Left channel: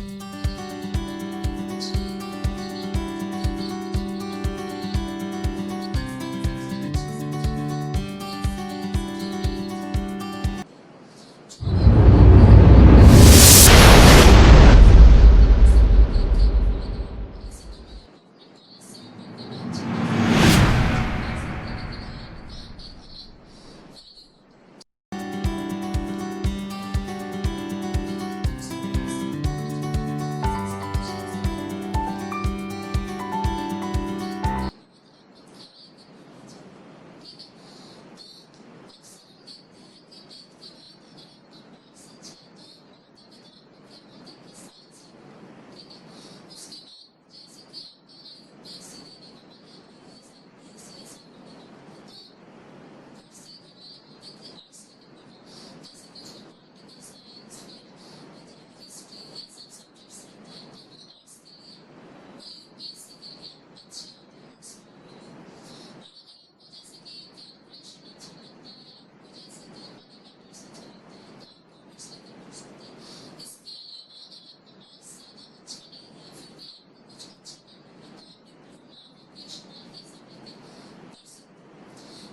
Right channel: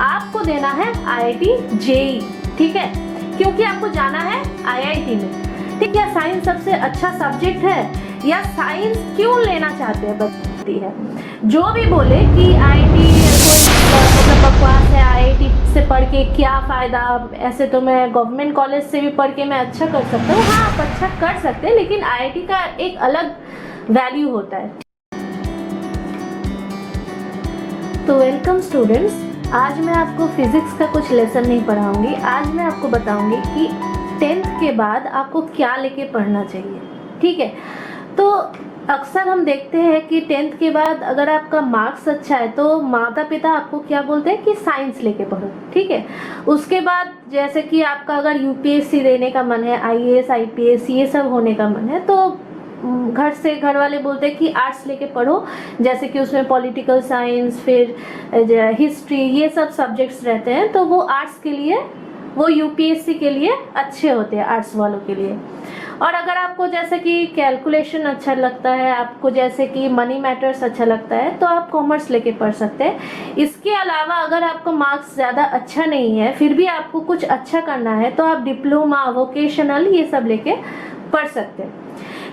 आपको देना है IIT JEE, ठीक है, क्योंकि आपको जाना है IIT में। ठीक है, साइंस सबसे अच्छा सब्जेक्ट है या साइंस क्यों लेना चाहते हैं बताती है। जो भी बोले कि IIT मतलब बकवास है, IIT से पढ़ के क्या फ़ायदा, ऐसे तो मैं गवर्नमेंट कॉलेज से भी पढ़ के मैं अच्छा कर सकता हूँ। हाँ, आप अच्छा कर सकते हैं, लेकिन IIT का एक अलग वैल्यू होता है। तो वेलकम स्टूडेंट्स, आज मैं आपको फिजिक्स का कुछ लेसन नहीं पढ़ाऊंगी। आज मैं आपको बताऊंगी कि 10th के बाद आपको क्या लेके पढ़ना चाहिए। ठीक है, तो अक्सर हम देखते हैं कि 10th के बाद अगर आपका मार्क्स अच्छा है तो माता पिता आपको क्या बोलते हैं कि साइंस लेके पढ़ो। ठीक है, उसके बाद जैसे कि आपका अगर UPSC देने का मन है, IAS IPS ये सब होने का मन है, तो घर वाले बोलते हैं कि आर्ट्स लेके पढ़ो, जैसे कि उसमें पॉलिटिकल साइंस, फिर हिस्ट्री, ये सब सब्जेक्ट्स रहते हैं, तो वो आर्ट्स के लिए, वो UPSC के लिए अच्छे होते हैं, आर्ट्स वालों के लिए। और अगर आपको जैसे कि कैलकुलेशन अच्छा लगता है, आपको जैसे कि मनी मैटर्स अच्छा लगता है, तो आप कॉमर्स लेके पढ़ सकते हैं। इसके अलावा अगर आपका मार्क्स ज़्यादा अच्छा नहीं है, फिर भी आपको कुछ अच्छा करना है, तो आप डिप्लोमा, वोकेशनल ये सब लेके पढ़ सकते हैं।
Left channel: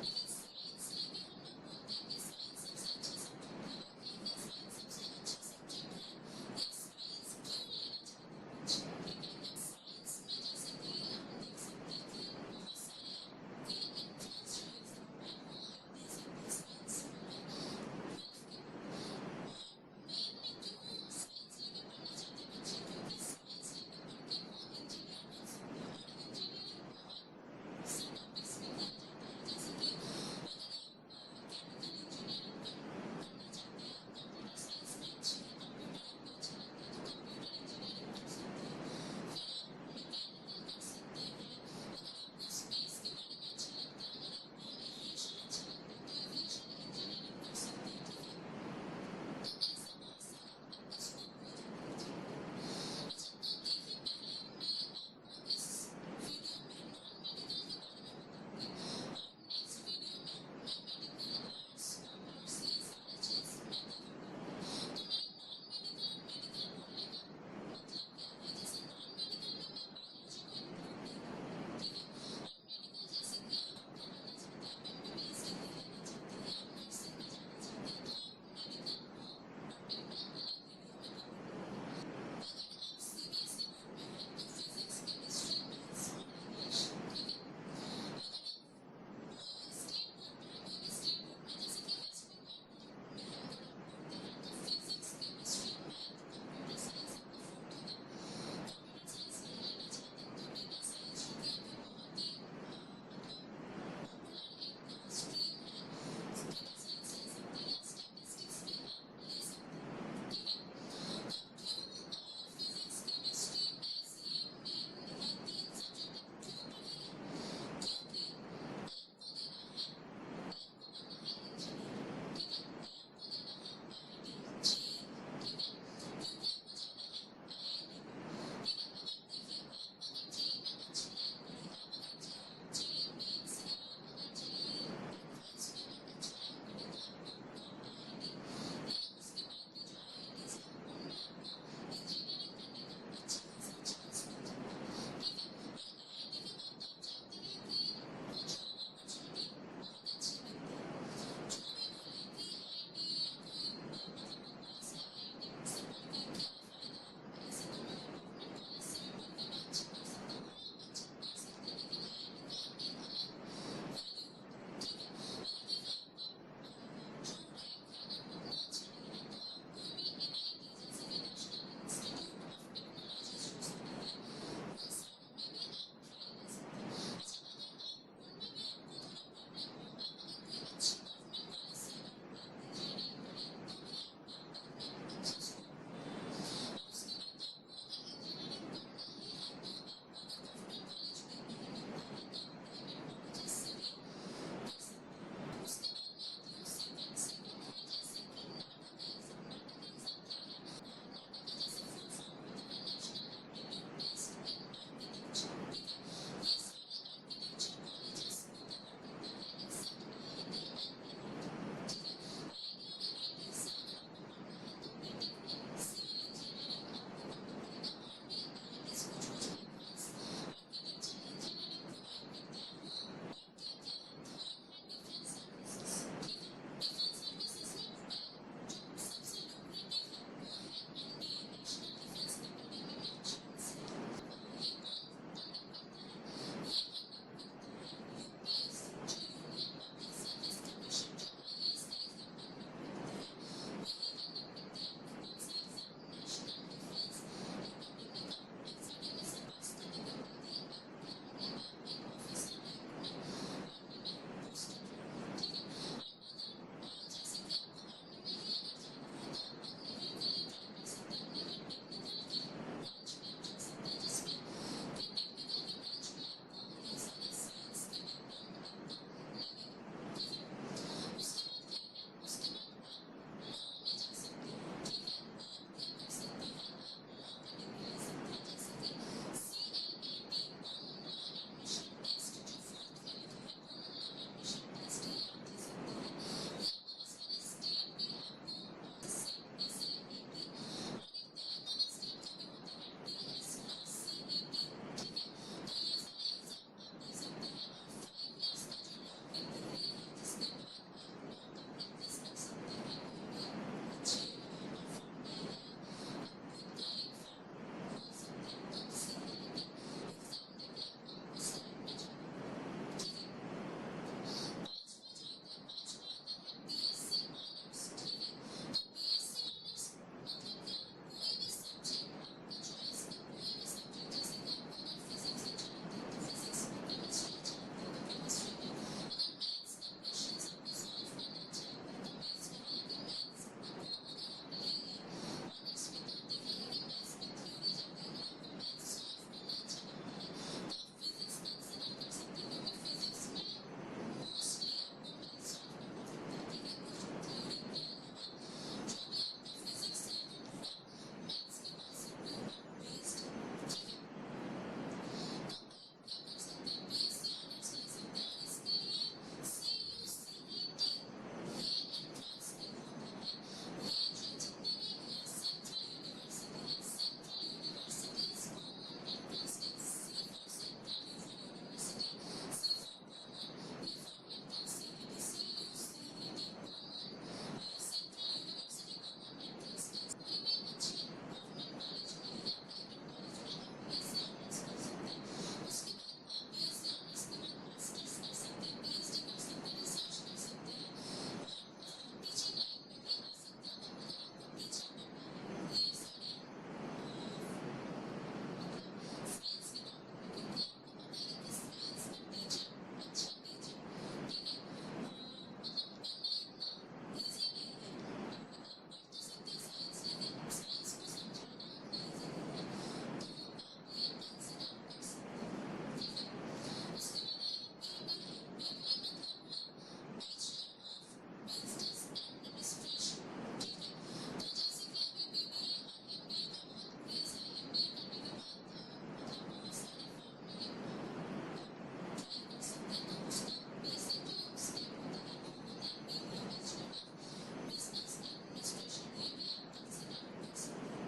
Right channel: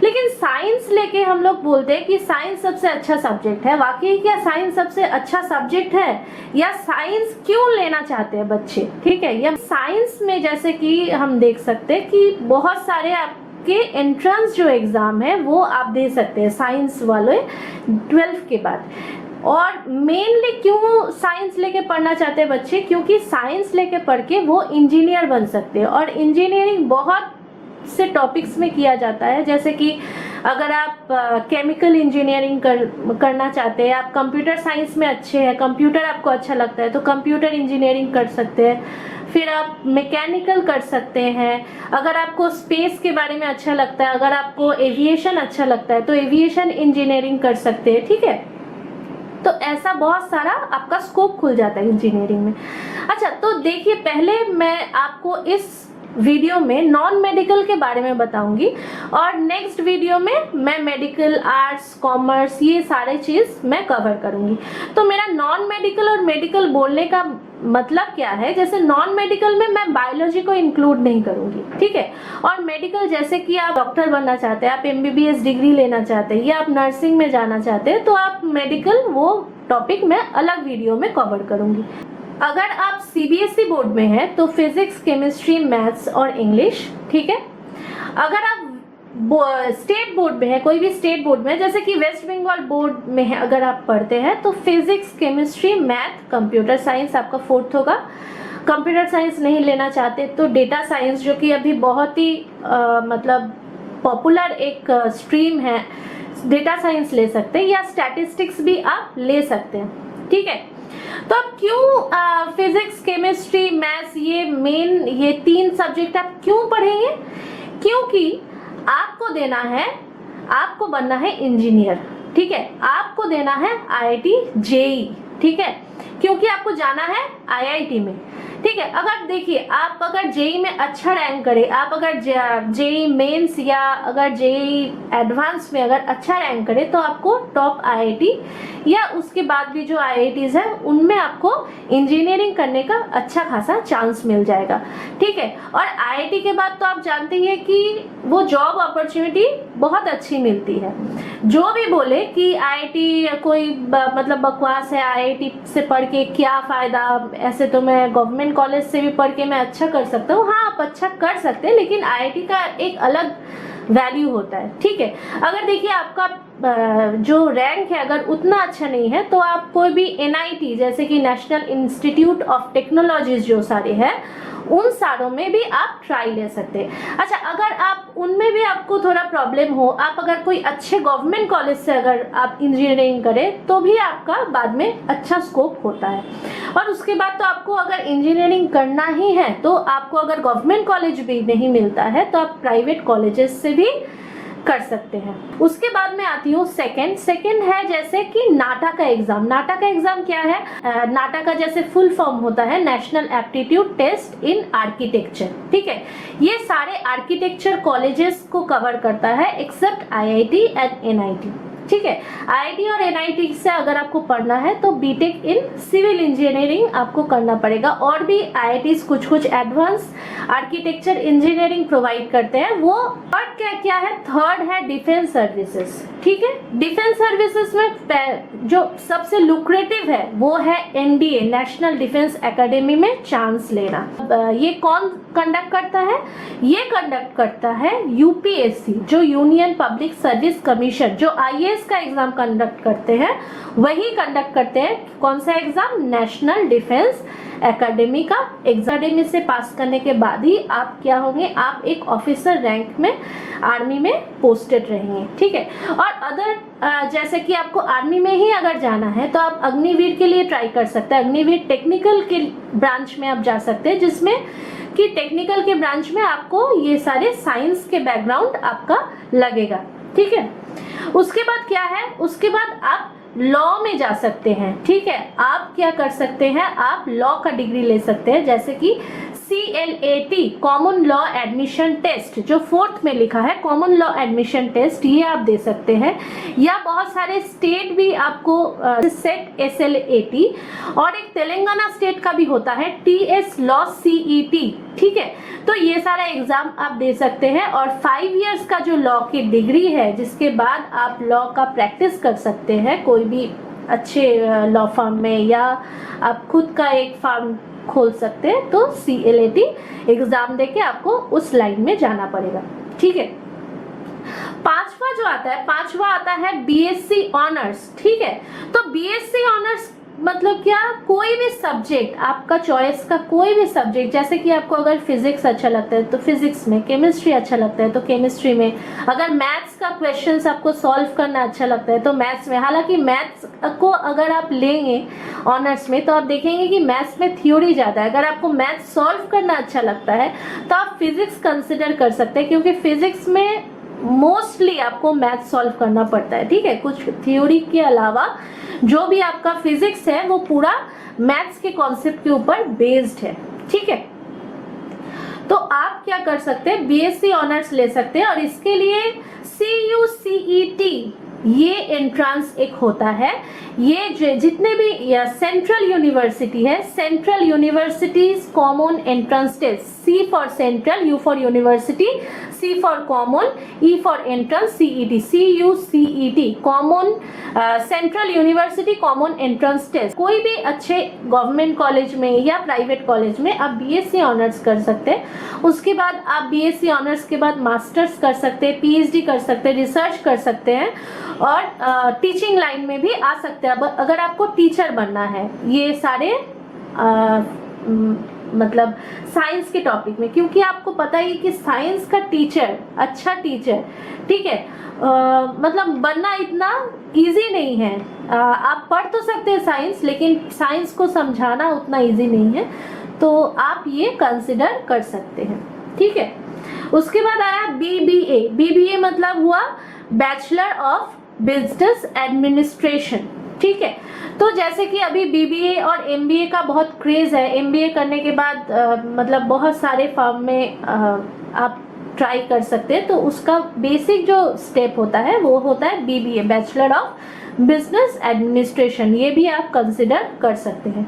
लेकिन साइंस लेके हम लोग बोलते हैं कि साइंस सबसे अच्छा सब्जेक्ट है। वाकई क्या साइंस सबसे अच्छा सब्जेक्ट है, या साइंस क्यों लेना चाहते हैं बच्चे? ठीक है, या साइंस में जैसे कि हम देख सकते हैं कि बहुत सारे आपके एंट्रेंस जो एग्जाम है वो आप दे सकते हैं साइंस वाले 12th के बाद। और मेनली क्यों साइंस लेके पढ़ना चाहते हैं बच्चे? क्योंकि साइंस लेके पढ़ के वो इंजीनियर बन सकते हैं, और इंजीनियरिंग बहुत से टॉपिक्स में किया जाता है। जैसे कि अगर आप केमिकल इंजीनियरिंग करना चाहते हैं, आप कंप्यूटर साइंस में अच्छे हैं, कंप्यूटर आपको अच्छा लगता है, तो कंप्यूटर इंजीनियरिंग कर सकते हैं। फिर आप मैकेनिकल कर सकते हैं। अगर आपको स्पेस के बारे में अच्छा लगता है, अगर आपको एविएशन अच्छा लगता है, तो एविएशन इंजीनियरिंग कर सकते हैं। ठीक है, तो ऐसा बहुत सारा आपका स्कोप खुल जाता है इंजीनियरिंग में। अच्छा, तो देखिए, पहले मैं आपको इस वीडियो में नॉन मेडिकल के बारे में बताऊंगी, और नेक्स्ट वीडियो में मैं मेडिकल, आर्ट्स, कॉमर्स, ये सारे चीज मैं कवर करूंगी। तो मेरा नॉन मेडिकल और मेडिकल बोलने का मतलब क्या है? जैसे नॉन मेडिकल में मैं बायोलॉजी को इंक्लूड नहीं करूंगी, ठीक है, और मेडिकल जैसे कि आप डॉक्टर बनना चाहते हैं, आप MBBS डिग्री लेना चाहते हैं, या आप नर्सिंग में जाना चाहते हैं, तो आप मेडिकल, वो टॉपिक मैं अलग वीडियो में कवर करूंगी। अगर आप CBSE बोर्ड में हैं तो फिजिक्स, केमिस्ट्री, मैथ्स और इंग्लिश, ठीक है। अगर आप स्टेट बोर्ड में है, कोई भी स्टेट बोर्ड में, जैसे कि वेस्ट बंगाल बोर्ड में है, अगर आप पढ़ते हैं तो physics, chemistry, math, computer science आपका 4th होगा। कंप्यूटर साइंस नहीं लेना चाहते तो डेटा साइंस, जो कि अभी बहुत ही मतलब पॉपुलर एक स्ट्रीम है, डेटा साइंस ले सकते हैं, या स्टैटिस्टिक्स भी आप ले सकते हैं। ठीक है, तो अब क्यों फिजिक्स, केमिस्ट्री, मैथ्स, ये मेन, ये 3 सब्जेक्ट आप क्यों पढ़ेंगे? क्योंकि आपको देना है, आपको बनना है इंजीनियर। ठीक है, आपको देना है IIT JEE, ठीक है, क्योंकि आपको जाना है IIT में। ठीक है, अगर देखिए, आप अगर JEE में अच्छा रैंक करें, आप अगर JEE मेंस या अगर JEE एडवांस में अगर अच्छा रैंक करें, तो आपको टॉप IIT या उसके बाद भी जो IITs हैं उनमें आपको इंजीनियरिंग करने का अच्छा खासा चांस मिल जाएगा। ठीक है, और IIT के बाद तो आप जानते ही हैं कि वो जॉब अपॉर्चुनिटी बहुत अच्छी मिलती है। जो भी बोले कि IIT कोई मतलब बकवास है, IIT से पढ़ के क्या फ़ायदा, ऐसे तो मैं गवर्नमेंट कॉलेज से भी पढ़ के मैं अच्छा कर सकता हूँ। हाँ, आप अच्छा कर सकते हैं, लेकिन IIT का एक अलग वैल्यू होता है। ठीक है, अगर देखिए आपका जो रैंक है अगर उतना अच्छा नहीं है, तो आप कोई भी NIT, जैसे कि नेशनल इंस्टीट्यूट ऑफ टेक्नोलॉजीज जो सारे हैं, उन सारों में भी आप ट्राई ले सकते हैं। अच्छा, अगर आप उनमें भी आपको थोड़ा प्रॉब्लम हो, आप अगर कोई अच्छे गवर्नमेंट कॉलेज से अगर आप इंजीनियरिंग करें, तो भी आपका बाद में अच्छा स्कोप होता है। और उसके बाद तो आपको अगर इंजीनियरिंग करना ही है, तो आपको अगर गवर्नमेंट कॉलेज भी नहीं मिलता है, तो आप प्राइवेट कॉलेजेस से भी कर सकते हैं। उसके बाद में आती हूँ सेकंड है जैसे कि नाटा का एग्जाम। नाटा का एग्जाम क्या है? नाटा का जैसे फुल फॉर्म होता है national aptitude test in architecture. ठीक है, ये सारे आर्किटेक्चर कॉलेजेस को कवर करता है एक्सेप्ट IIT एंड NIT। ठीक है। आईआईटी और एनआईटी से अगर आपको पढ़ना है तो बीटेक इन सिविल इंजीनियरिंग आपको करना पड़ेगा। और भी आईआईटीज कुछ एडवांस आर्किटेक्चर इंजीनियरिंग प्रोवाइड करते हैं वो। और क्या है, थर्ड है डिफेंस सर्विसेज, ठीक है। डिफेंस सर्विसेज में जो सबसे लुक्रेटिव है वो है एनडीए, नेशनल डिफेंस एकेडमी में चांस लेना। ये कौन कंडक्ट करता है? ये कंडक्ट करता है यूपीएससी, जो यूनियन पब्लिक सर्विस कमीशन, जो आईएएस का एग्जाम कंडक्ट करते हैं वही कंडक्ट करते हैं। कौन सा एग्जाम? नेशनल डिफेंस एकेडमी का एग्जाम से पास करने के बाद ही आप क्या होंगे, आप एक ऑफिसर रैंक में आर्मी में पोस्टेड रहेंगे, ठीक है। और अदर जैसे कि आपको आर्मी में ही अगर जाना है तो आप अग्निवीर के लिए ट्राई कर सकते हैं। अग्निवीर टेक्निकल के ब्रांच में आप जा सकते हैं, जिसमें कि टेक्निकल के ब्रांच में आपको ये सारे साइंस के बैकग्राउंड आपका लगेगा, ठीक है। उसके बाद क्या है, उसके बाद आप लॉ में जा सकते हैं, ठीक है। आप क्या कर सकते हैं, आप लॉ का डिग्री ले सकते हैं, जैसे कि CLAT common law admission test, जो 4th में लिखा है कॉमन लॉ एडमिशन टेस्ट, ये आप दे सकते हैं। या बहुत सारे स्टेट भी आपको सेट SLAT, और एक तेलंगाना स्टेट का भी होता है TS लॉ CET, ठीक है। तो ये सारा एग्जाम आप दे सकते हैं। और 5 इयर्स का जो लॉ की डिग्री है, जिसके बाद आप लॉ का प्रैक्टिस कर सकते हैं कोई भी अच्छे लॉ फर्म में, या आप खुद का एक फर्म खोल सकते हैं, तो CLAT एग्जाम देके आपको उस लाइन में जाना पड़ेगा, ठीक है। पांचवा आता है BSc ऑनर्स, ठीक है। तो BSc ऑनर्स मतलब क्या, कोई भी सब्जेक्ट, आपका चॉइस का कोई भी सब्जेक्ट, जैसे कि आपको अगर फिजिक्स अच्छा लगता है तो फिजिक्स में, केमिस्ट्री अच्छा लगता है तो केमिस्ट्री में, अगर मैथ्स का क्वेश्चंस आपको सॉल्व करना अच्छा लगता है तो मैथ्स में। हालांकि मैथ्स को अगर आप लेंगे ऑनर्स में तो आप देखेंगे कि मैथ्स में थ्योरी ज़्यादा है। अगर आपको मैथ्स सॉल्व करना अच्छा लगता है तो आप फिजिक्स कंसिडर कर सकते हैं, क्योंकि फिजिक्स में मोस्टली आपको मैथ सॉल्व करना पड़ता है, ठीक है। कुछ थ्योरी के अलावा जो भी आपका फिजिक्स है वो पूरा मैथ्स के कॉन्सेप्ट के ऊपर बेस्ड है, ठीक है। तो आप क्या कर सकते हैं, BSc ऑनर्स ले सकते हैं। और इसके लिए CUCET ये एंट्रेंस एक होता है। ये जितने भी सेंट्रल यूनिवर्सिटी है, central universities common entrance test, C for central, U for university, C for common, E for entrance, CET, CUCET common central university common entrance test. कोई भी अच्छे गवर्नमेंट कॉलेज में या प्राइवेट कॉलेज में आप BSc honours कर सकते हैं। उसके बाद आप BSc ऑनर्स के बाद मास्टर्स कर सकते हैं, PhD कर सकते हैं, रिसर्च कर सकते हैं, और टीचिंग लाइन में भी आ सकते हैं अगर आपको टीचर बनना है। ये सारे मतलब साइंस के टॉपिक में, क्योंकि आपको पता ही कि साइंस का टीचर, अच्छा टीचर, ठीक है, मतलब बनना इतना इजी नहीं है। आप पढ़ तो सकते हैं साइंस, लेकिन साइंस को समझाना उतना इजी नहीं है, तो आप ये कंसिडर कर सकते हैं, ठीक है। उसके बाद आया BBA मतलब हुआ बैचलर ऑफ बिजनेस एडमिनिस्ट्रेशन, ठीक है। तो जैसे कि अभी BBA और MBA का बहुत क्रेज है। MBA करने के बाद मतलब बहुत सारे फर्म में आप ट्राई कर सकते हैं। तो उसका बेसिक जो स्टेप होता है वो होता है BBA, bachelor of business administration, ये भी आप कंसिडर कर सकते हैं।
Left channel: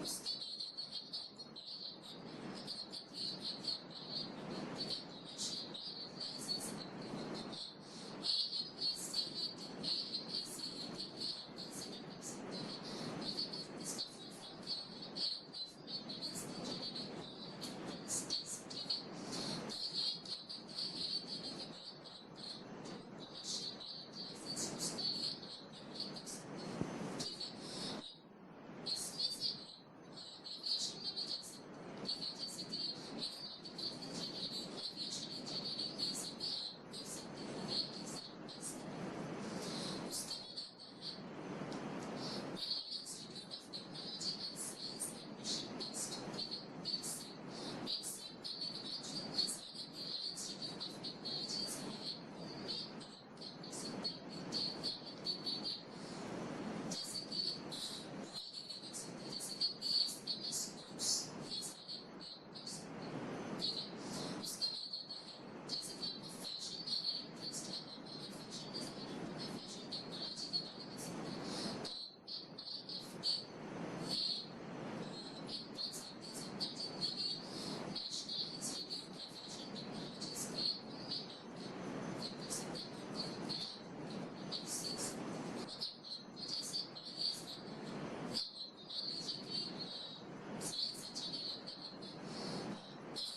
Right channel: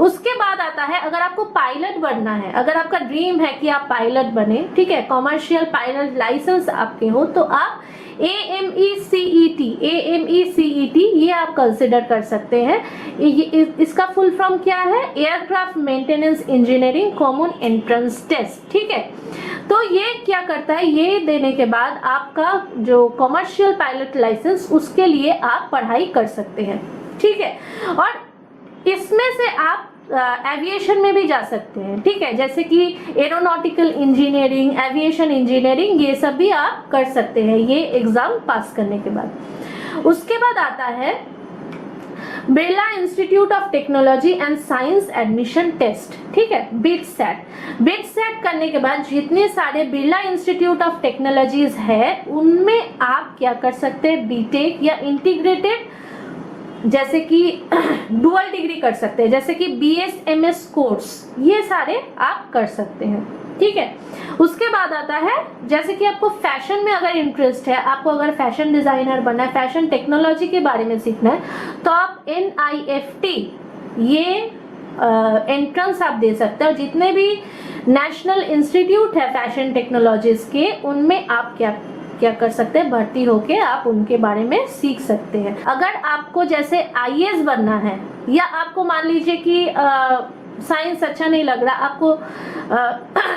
उसके बाद आता है, अगर आपको पायलट बनना है, अगर आपका ड्रीम है कि आप पायलट बने, ठीक है, कॉमर्शियल पायलट लाइसेंस आपके हो, तो आप AMECET ये आप कंसिडर कर सकते हैं। इसका फुल फॉर्म क्या है, aircraft maintenance engineering common entrance test, ठीक है। तो ये क्या करता है, ये देने के बाद आपका जो कॉमर्शियल पायलट लाइसेंस, उसके लिए आप पढ़ाई कर सकते हैं, ठीक है। और इसमें से आप एविएशन में भी जा सकते हैं, ठीक है, जैसे कि एरोनॉटिकल इंजीनियरिंग, एविएशन इंजीनियरिंग, ये सब भी आप कर सकते हैं ये एग्जाम पास करने के बाद। उसके बाद आता है Birla Institute of Technology and Science admission test, ठीक है, बिट-सेट करने के बाद जितने सारे बिरला इंस्टीट्यूट ऑफ टेक्नोलॉजीज है, उनमें आप क्या कर सकते हैं, बीटेक या इंटीग्रेटेड जैसे कि डुअल डिग्री कर सकते हैं, जैसे कि BS MS कोर्स, ये सारे आप कर सकते हैं, ठीक है। उसके बाद आता है जैसे कि आपको फैशन में अगर इंटरेस्ट है, आपको अगर फैशन डिजाइनर बनना है, फैशन टेक्नोलॉजी के बारे में सीखना है, तो आप NIFT ये एंट्रेंस आप दे सकते हैं। और जितने भी नेशनल इंस्टीट्यूट है फैशन टेक्नोलॉजीज के, उनमें आप क्या कर सकते हैं, भर्ती होके आप उनके बारे में सीख सकते हैं। अगर आपको जैसे IAS बनना है, या आपको मान लीजिए कि साइंस अच्छा नहीं लग रहा आपको,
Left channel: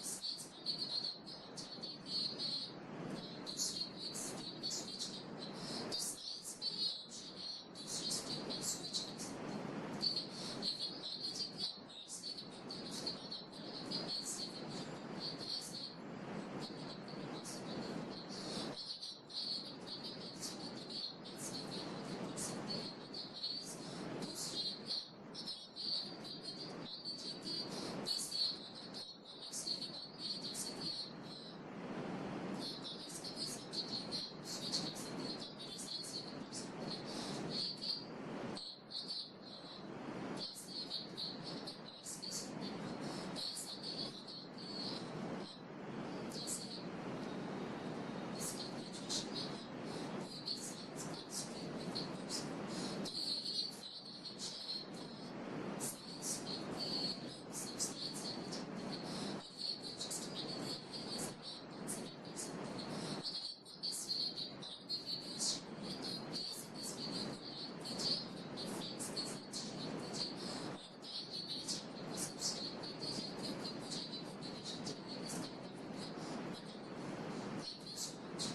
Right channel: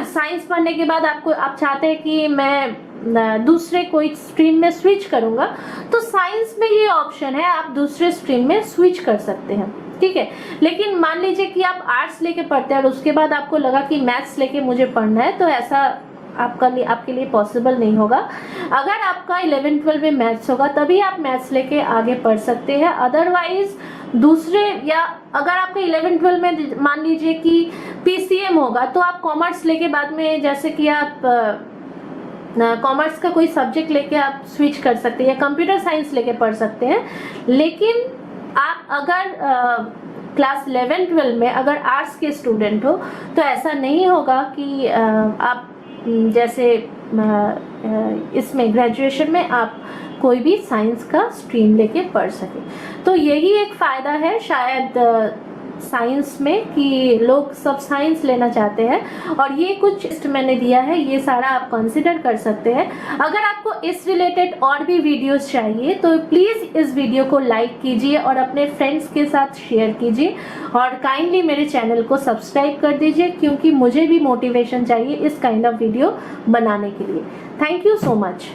साइंस पढ़ने के बाद आप चाहते हैं कि मैं दूसरे कोई स्ट्रीम में स्विच करूंगा, तो साइंस में ये ऑप्शन है, आप दूसरे स्ट्रीम में स्विच कर सकते हैं, ठीक है। लेकिन मान लीजिए कि आप आर्ट्स लेके पढ़ते हैं और उसके बाद आपको लगा कि मैथ्स लेके मुझे पढ़ना है, तो ऐसा आपके लिए पॉसिबल नहीं होगा। अगर आपका 11-12 में मैथ्स होगा तभी आप मैथ्स लेके आगे पढ़ सकते हैं, अदरवाइज दूसरे, या अगर आपका 11-12 में मान लीजिए कि PCM होगा, तो आप कॉमर्स लेके बाद में, जैसे कि आप कॉमर्स का कोई सब्जेक्ट लेके आप स्विच कर सकते हैं, या कंप्यूटर साइंस लेके पढ़ सकते हैं। लेकिन आप अगर क्लास 11-12 में अगर आर्ट्स के स्टूडेंट हो, तो ऐसा नहीं होगा कि आप जैसे इसमें ग्रेजुएशन में आप कोई भी साइंस का स्ट्रीम लेके पढ़ सके। तो यही एक फ़ायदा है शायद साइंस में, कि लोग सब साइंस लेना चाहते हैं। और ये कुछ लिस्ट मैंने दिया है, ये सारा आप कंसिडर कर सकते हैं। अगर आपको इस रिलेटेड और भी वीडियोस चाहिए तो प्लीज़ इस वीडियो को लाइक कीजिए और अपने फ्रेंड्स के साथ शेयर कीजिए, और काइंडली मेरे चैनल को सब्सक्राइब कर दीजिए, क्योंकि मुझे भी मोटिवेशन चाहिए इस काइंड ऑफ वीडियो बनाने के लिए। Thank you so much.